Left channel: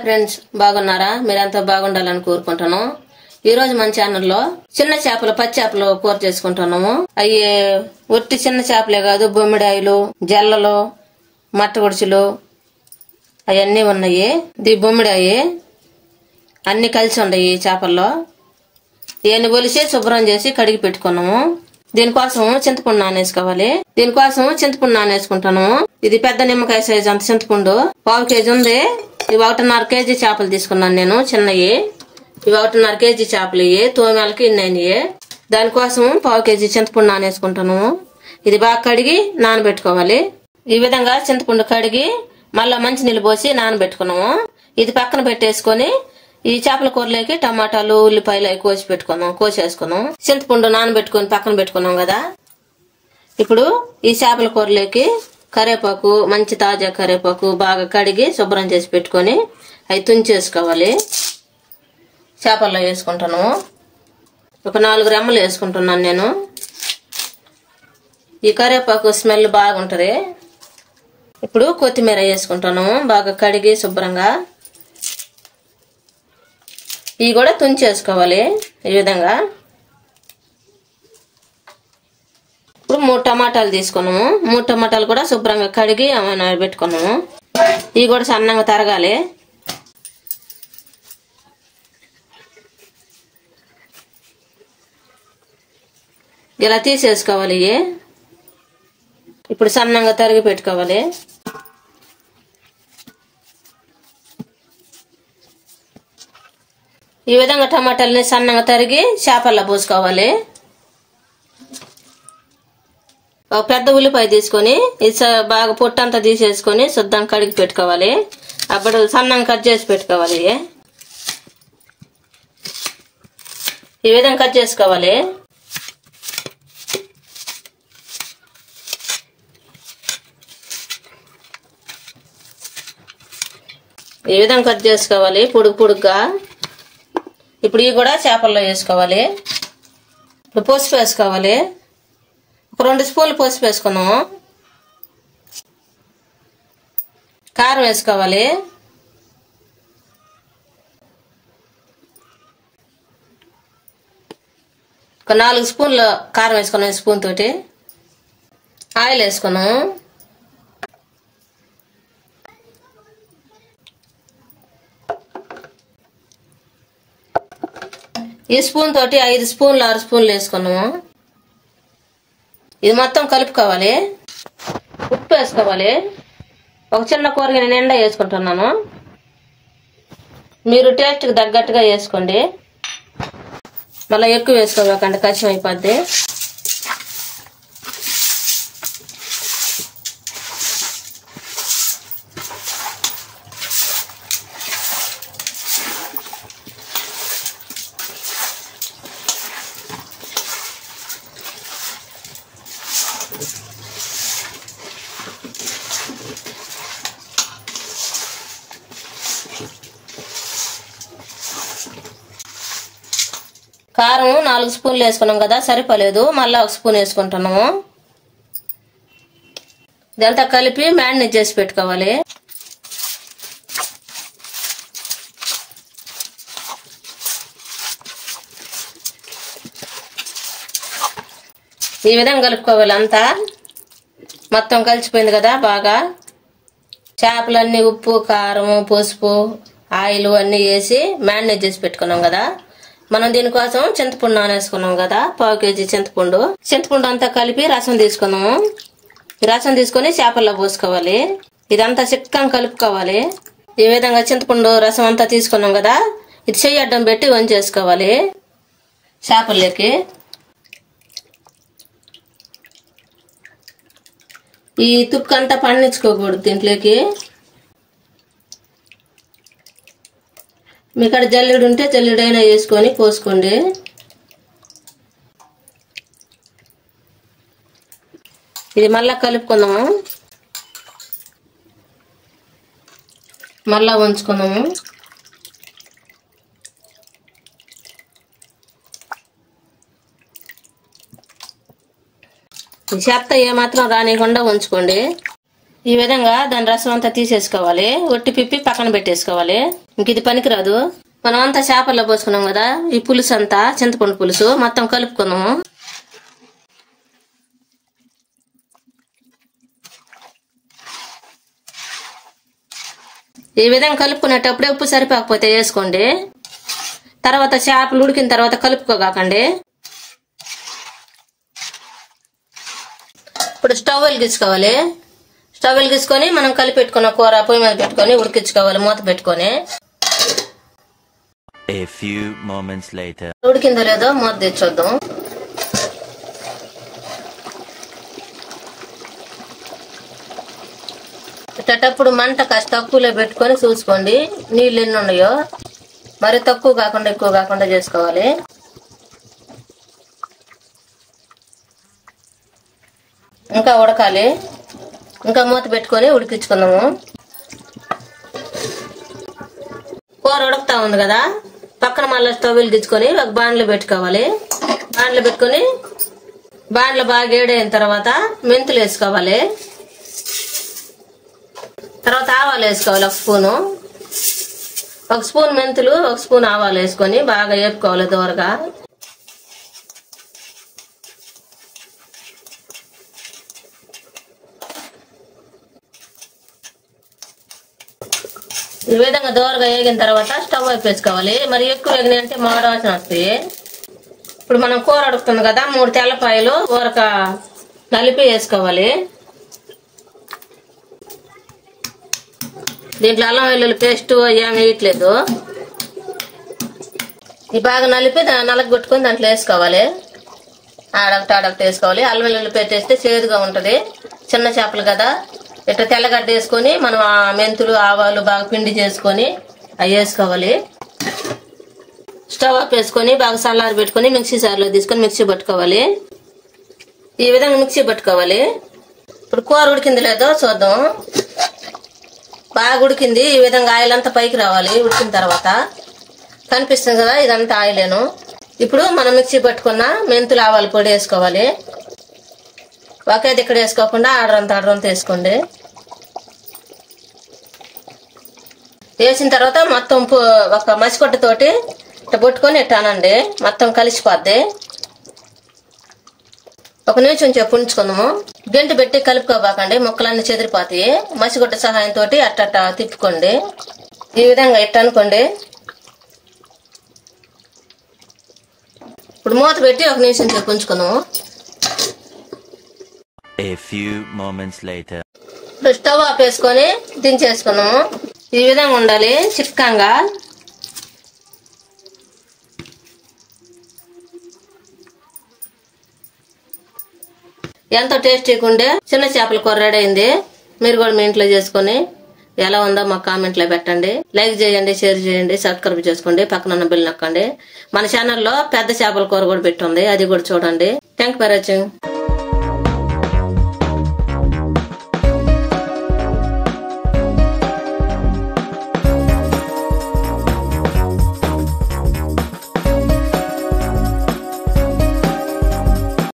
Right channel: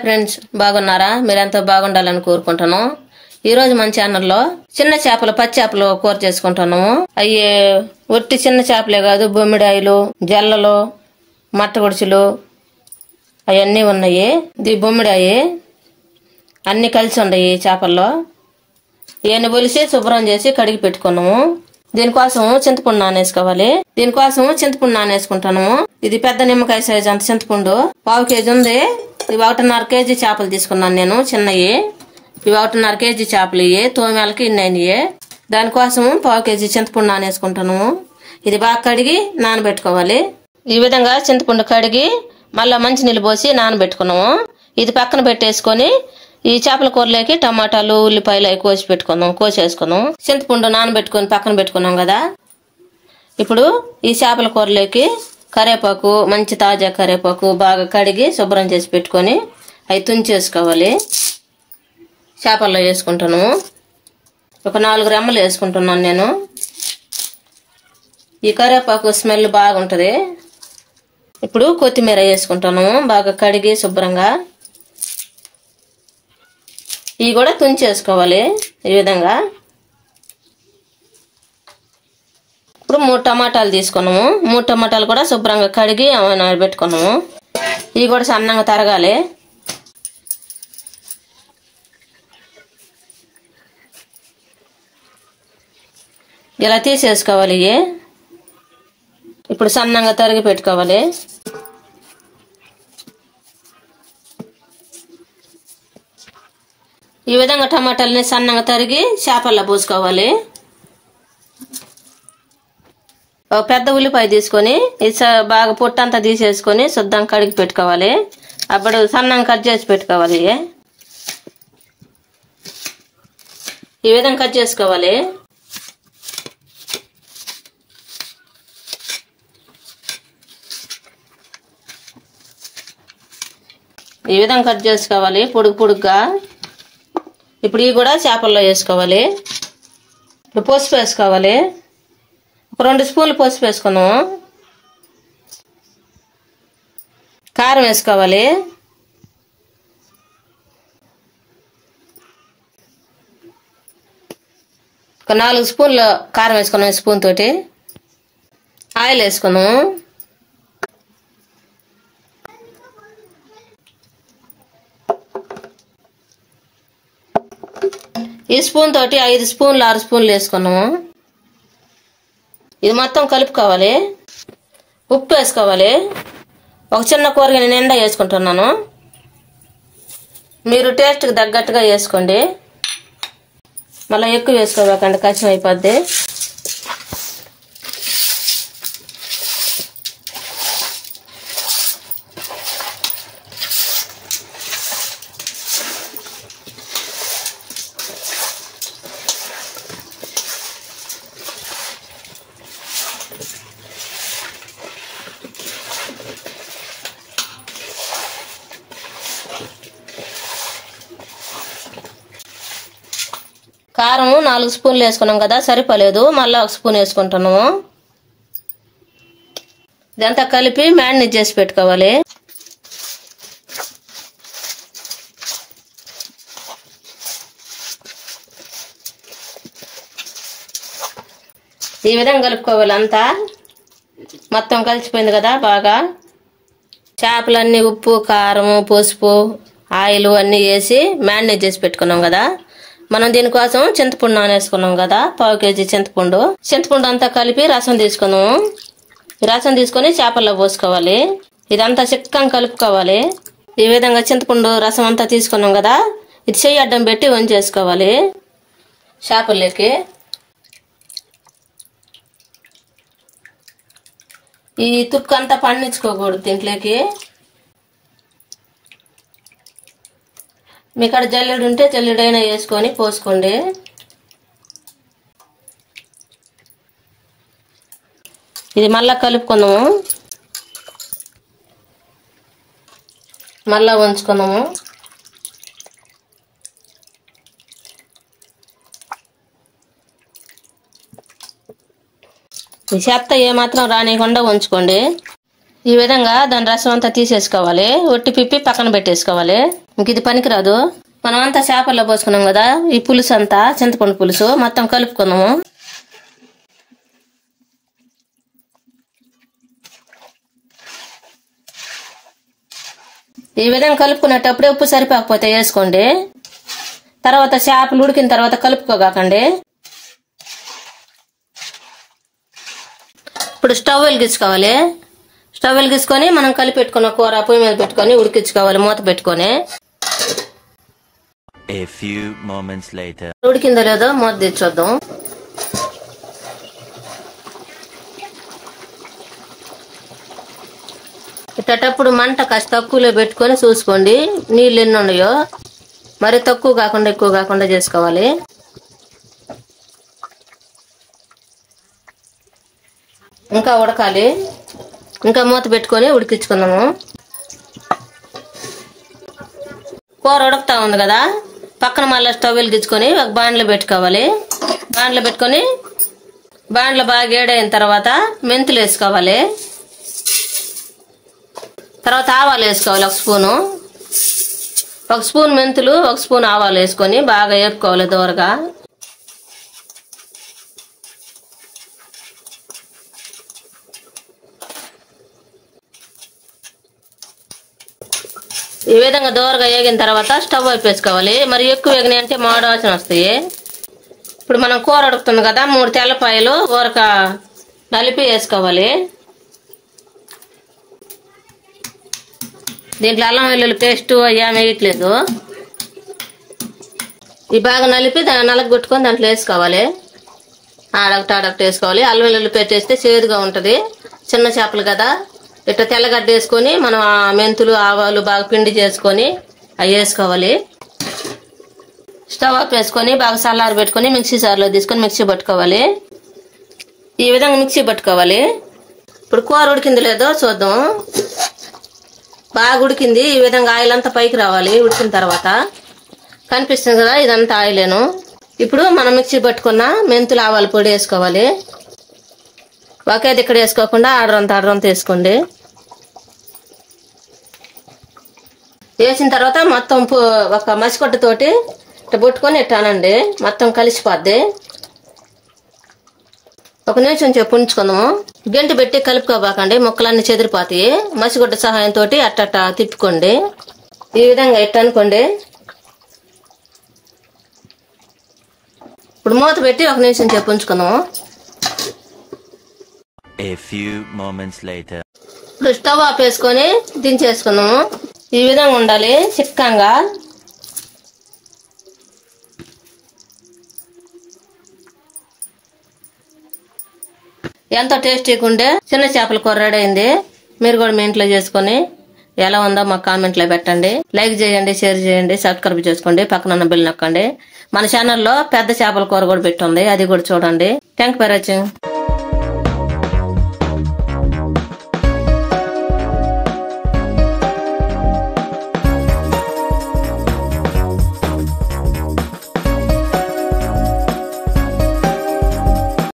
Hi friends, బాగున్నారా? మీరంతా బాగుండాలని కోరుకుంటాను. ఈ రోజు మన ఛానల్లో చిన్న చేపలు, పచ్చి చేపలు కూర చేసుకుంటున్నాము. అవి ఒట్టి చిన్న చేపలే కాదు, బొమ్మిడాయిలు, జల్లలు, మట్టగుడుచులు అవన్నీ ఉన్నాయి. ఇది బొమ్మిడాయి అన్ని కలిసి ఉన్నాయి చేపల్లో. ఇవన్నీ ఒలిసి శుభ్రం చేసి కడిగి పెట్టుకున్నాము. దీనికోసం చింతపండు నానేసుకుంటాను. ఇది పెద్ద నిమ్మకాయ సైజు అంత చింతపండు 1/2 కేజీ ఉంది. ఇవి 1.5 కేజీ చేపలు తీసుకున్నాను నేను, చిన్నవి. ఇవి 1.5 కేజీ చేపలు. ఇవి తోమేలకి ఇన్ని. దానికోసం 1/2 కేజీ చింతపండు నానేసుకుంటాను. ఇది బాగా కడిగి నానబెట్టుకోవాలి. ఈ విధంగా చింతపండు కడిగి మళ్ళా మంచి నీళ్ళు పోసి నానబెట్టుకున్నాము. ఇది పక్కన పెట్టేసుకొని ఈ చేపల కూరలోకి టమాటాలు, ఉల్లిపాయలు అవి కోసేసుకున్నాం. చింతపండు నానబెట్టుకుని పక్కన పెట్టుకున్నాం కదా. ఇప్పుడు ఈ చేపల కూరలోకి కరివేపాకు, మంచి తాజా కరివేపాకు బాగా కడిగి శుభ్రం చేసి పెట్టుకొని అవి తుంచేసుకోవాలి. చేపల్లో వేసుకుంటాను. ఒక 4 రెమ్మలు వేసుకుంటున్నాను నేను. ఈ కరివేపాకు స్మెల్ బాగుంటది. ఇప్పుడు కొత్తిమీర వేసుకుంటాను బాగా కడిగి శుభ్రంగా. ఇవి కూడా తుంచేసుకోవాలి ఈ విధంగా. ఇప్పుడు 3 టమాటాలు తీసుకున్నాము. 3 టమాటాలు కూడా శుభ్రంగా కడిగి నానబెట్టుకున్నాము. ఇవి కూడా సన్నంగా తరగాలి. ఇలా తీసేసుకోవాలి. ఇప్పుడు సన్నంగా తరిగి పెట్టుకోవాలి. ఈ విధంగా టమాటాలని సన్నగా తరిగి చేపల్లో పోసుకోవాలి. ఒక పెద్ద ఉల్లిపాయ తీసుకొని బాగా పొట్టంతా తీసేసుకొని శుద్ధంగా కడిగి పెట్టుకోవాలి. అప్పుడు సన్నంగా కట్ చేసి పెట్టుకోవాలి. ఈ విధంగా కట్ చేసుకోవాలి. ఈ విధంగా కట్ చేసుకోవాలి పొడుగ్గా. ఇప్పుడు ఇవి కూడా చేపల్లో వేసుకోవాలి. ఇప్పుడు పసుపు వేసుకోవాలి. ఒక 2 స్పూన్లు పసుపు వేసుకున్నాము. కారం వేసుకోవాలి. ఒక 4 స్పూన్లు కారం వేసుకున్నాం స్పూన్ తోటి. ఆయిల్ వేసుకున్నాము. ఈ స్పూన్ తోటి 5 స్పూన్లు 6 స్పూన్లు వేసుకున్నాము. ఇది మొత్తం కలుపుకోవాలి. ఉప్పు వేసుకోవాలి. ఒక చిన్న కూరగాయ నిండా వేసుకుంటున్నాను. మీరు టేస్ట్కి తగ్గట్టుగా వేసుకోండి. మళ్ళీ ఎక్కువ వేసుకోಬೇకండి, కష్టం అయిపోద్ది. కారం 4 స్పూన్లు వేసుకున్నాం కదా, సరిపోలేదు. మళ్ళీ 1 స్పూన్ వేసుకుంటున్నాము. ఇదంతా కలిపి మ్యారినేట్ చేసి పెట్టుకోవాలి. ఈ విధంగా కలుపుకోవాలి. అంతా మొత్తం కలిసిపోయింది కదా బాగా. చేపలన్నీ ఉప్పు, కారము, పసుపు, ఆయిల్ అన్నీ వేసి మ్యారినేట్ చేసి పెట్టుకున్నాం కదా. మనం దీనికోసం చింతపండు నానేసుకున్నాం కదా, 1/2 కేజీ చింతపండు అంతా కలిపి రసం తీసుకున్నాము. ఈ రసం తీసుకొని చేపల్లో పోసుకోవాలి. ఇదంతా చిక్కగా కలుపుకోవాలి. ఈ విధంగా చింతపండు రసం అంతా తీసుకున్నాం కదా, ఇది చెయ్యి అడ్డం పెట్టి వంచేసుకోవాలి చేపల్లోకి. ఈ తుక్కు అంతా పండించుకోకూడదు దీంట్లోకి. మీ కాడ జల్లెడు ఉంటే జల్లెడైనా వేసుకొని పోసుకోండి. ఇది మళ్ళా కలుపుకుందాము. మళ్ళా వంచుకుందాము. ఈ చెత్త ఏమాత్రం రానికుండా ఉంచుకోండి. ఈ విధంగా దాని రసం అంతా తీసేసుకోవాలి. ఒట్టి పిప్పి పక్కన పెట్టేసుకోవాలి. ఇంక ఇది పనికిరాదు. మనం అంతా చేపల్లో పోసుకున్నాం కదా, ఈ పులుసు అంతా చింతపండు పులుసు మొత్తం కలుపుకున్నాము. ఈ విధంగా కలుపుకునేటప్పుడే ఉప్పు సరిపోకపోతే వేసుకోండి. తర్వాత చేపలు ఉడికిన తర్వాత కలుపుకోగాకండి. ఇప్పుడు స్టవ్ వెలిగించుకోవాలి. స్టవ్ వెలిగించుకొని మనం కలిపెట్టుకున్న కూర పొయ్యి మీద పెట్టుకొని ఉడికించుకోవాలి మూత పెట్టుకొని. ఉడికిందో లేదో మూత తెచ్చొద్దాం. ఇట్టప్పుడు మంట కాస్త తక్కువలో పెట్టుకొని చూసుకోండి నీళ్ళు ఎన్ని ఉన్నాయో. మరి తక్కువ కాకుండా ఎక్కువ కాకుండా చేసుకోవాలి. ఇంకా ఉడకాలి. ఇంకా మూత పెట్టుకొని ఉడికించుకుందాము. కూర ఉడుకుతా ఉంది కదా, పక్కన మళ్ళీ స్టవ్ వెలిగించుకొని ఒక బాండ్లో పెట్టుకోవాలి. బాండ్లో పెట్టుకొని బాండ్లో బాగా ఏడైన తర్వాత మెంతులు వేసుకోవాలి. తర్వాత ఆవాలు వేసుకోవాలి. ఒక స్పూన్ మెంతులు, ఒక స్పూన్ ఆవాలు వేసుకొని బాగా వేపుకోవాలి దూరగా. ఈ విధంగా దూరగా వేగిన తర్వాత స్టవ్ వేసుకోవాలి. మరి ఎక్కువ వేగినాయి అంటే మాడవాసన వస్తాయి. ఇప్పుడు మనం కూర ఉడుకుతుంది కదా, 3 తెల్లపాయలు ఊరక నలిపి వేసుకోవాలి. దీంట్లో అల్లం వెల్లుల్లి పేస్ట్ ఏమి వేయట్లేదు. ఈ బాగా నలిపి నలగొట్టుకొని దాంట్లో వేసుకోవాలి. ఆడొకటి వేసుకోవాలి. అల్లం వెల్లుల్లి పేస్ట్ వేస్తే చేదుగా ఉంటది. చిన్న చేపలు కదా, ఇట్లా తెల్లగడ్డ వేసుకొని మనం మెంతులు ఆవాలు బాగా పిండి చేసుకొని అవి వేసుకోవాలి. స్టవ్ ఆఫ్ వేసుకొని బాగా చల్లారి పెట్టుకొని మిక్సీ జార్లో తీసుకొని మిక్సీ పట్టుకోవాలి. ఈ విధంగా మిక్సీ పట్టుకోవాలి. ఇప్పుడు కూర ఉడికింది లేదో చూద్దాం. బాగా ఉడికింది. ఈ విధంగా ఆయిల్ అంతా పైకి రావాలి. ఉడికిన తర్వాత కనిపిస్తుంది కదా, ఇదంతా ఆయిలేను. ఇప్పుడు మనం మిక్సీ పట్టుకున్న మెంతులు ఆవాల పొడి వేసుకోవాలి. ఒకేది ఇక్కడ వేసుకోకుండా ఆడరంతా వేసుకోండి. వేసిన తర్వాత మొత్తం ఒక మసికొట్టతోటి ఇట్లా పట్టుకొని ఇట్టానండి, మొత్తం కలిసిపోద్ది. ఒక నిమిషం చెప్పు ఉంచుకుందాము. గంటి పెట్టి కలుపుకోబాకండి, ముక్కలన్నీ చెదిరిపోతాయి. మసిగుడ్డ సహాయంతో అట్ట తిప్పుకోండి. ఈ విధంగా ఇట్ట అనుకోండి. ఇప్పుడు మూత పెట్టి ఒక నిమిషం చెప్పు ఉంచుకుందాము. ఇప్పుడు స్టవ్ ఆఫ్ వేసుకొని దించేసుకున్నాము. ఈ విధంగా ఉండాలి చిక్కంగా. ఎంతో టేస్టీగా ఉండే చిన్న చేపల కూర రెడీ అయింది. మీరు కూడా మీ ఇంట్లో చేసుకుని ఎలా ఉందో మాకు కామెంట్ లో పెట్టండి. లైక్ చేయండి, షేర్ చేయండి, సబ్స్క్రైబ్ చేసుకోండి, పక్కన ఉన్న బెల్ నొక్కండి. మన ఛానల్లో పెద్ద చేపల కూర కూడా పెట్టుంది, అది కూడా చూడండి. Thank for watching.